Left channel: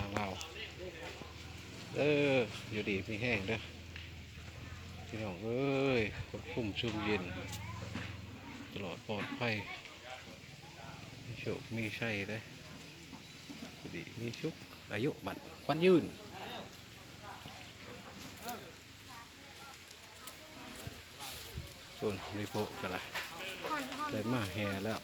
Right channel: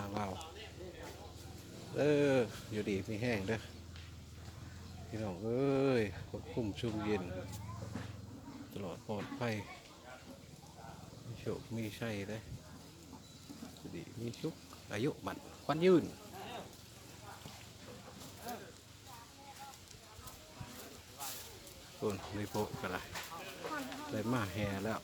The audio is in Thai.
ทางเราอยู่ดีมีแห้งเด้อพี่น้องเอ้ยควบคุมชุ่มเย็นตลอดปลอดภัยมีโชคมีชัยเด้ออยู่ดีมีชุกอายุบัดควันยืนส่วนในโปกันละได้มาแห่แล้ว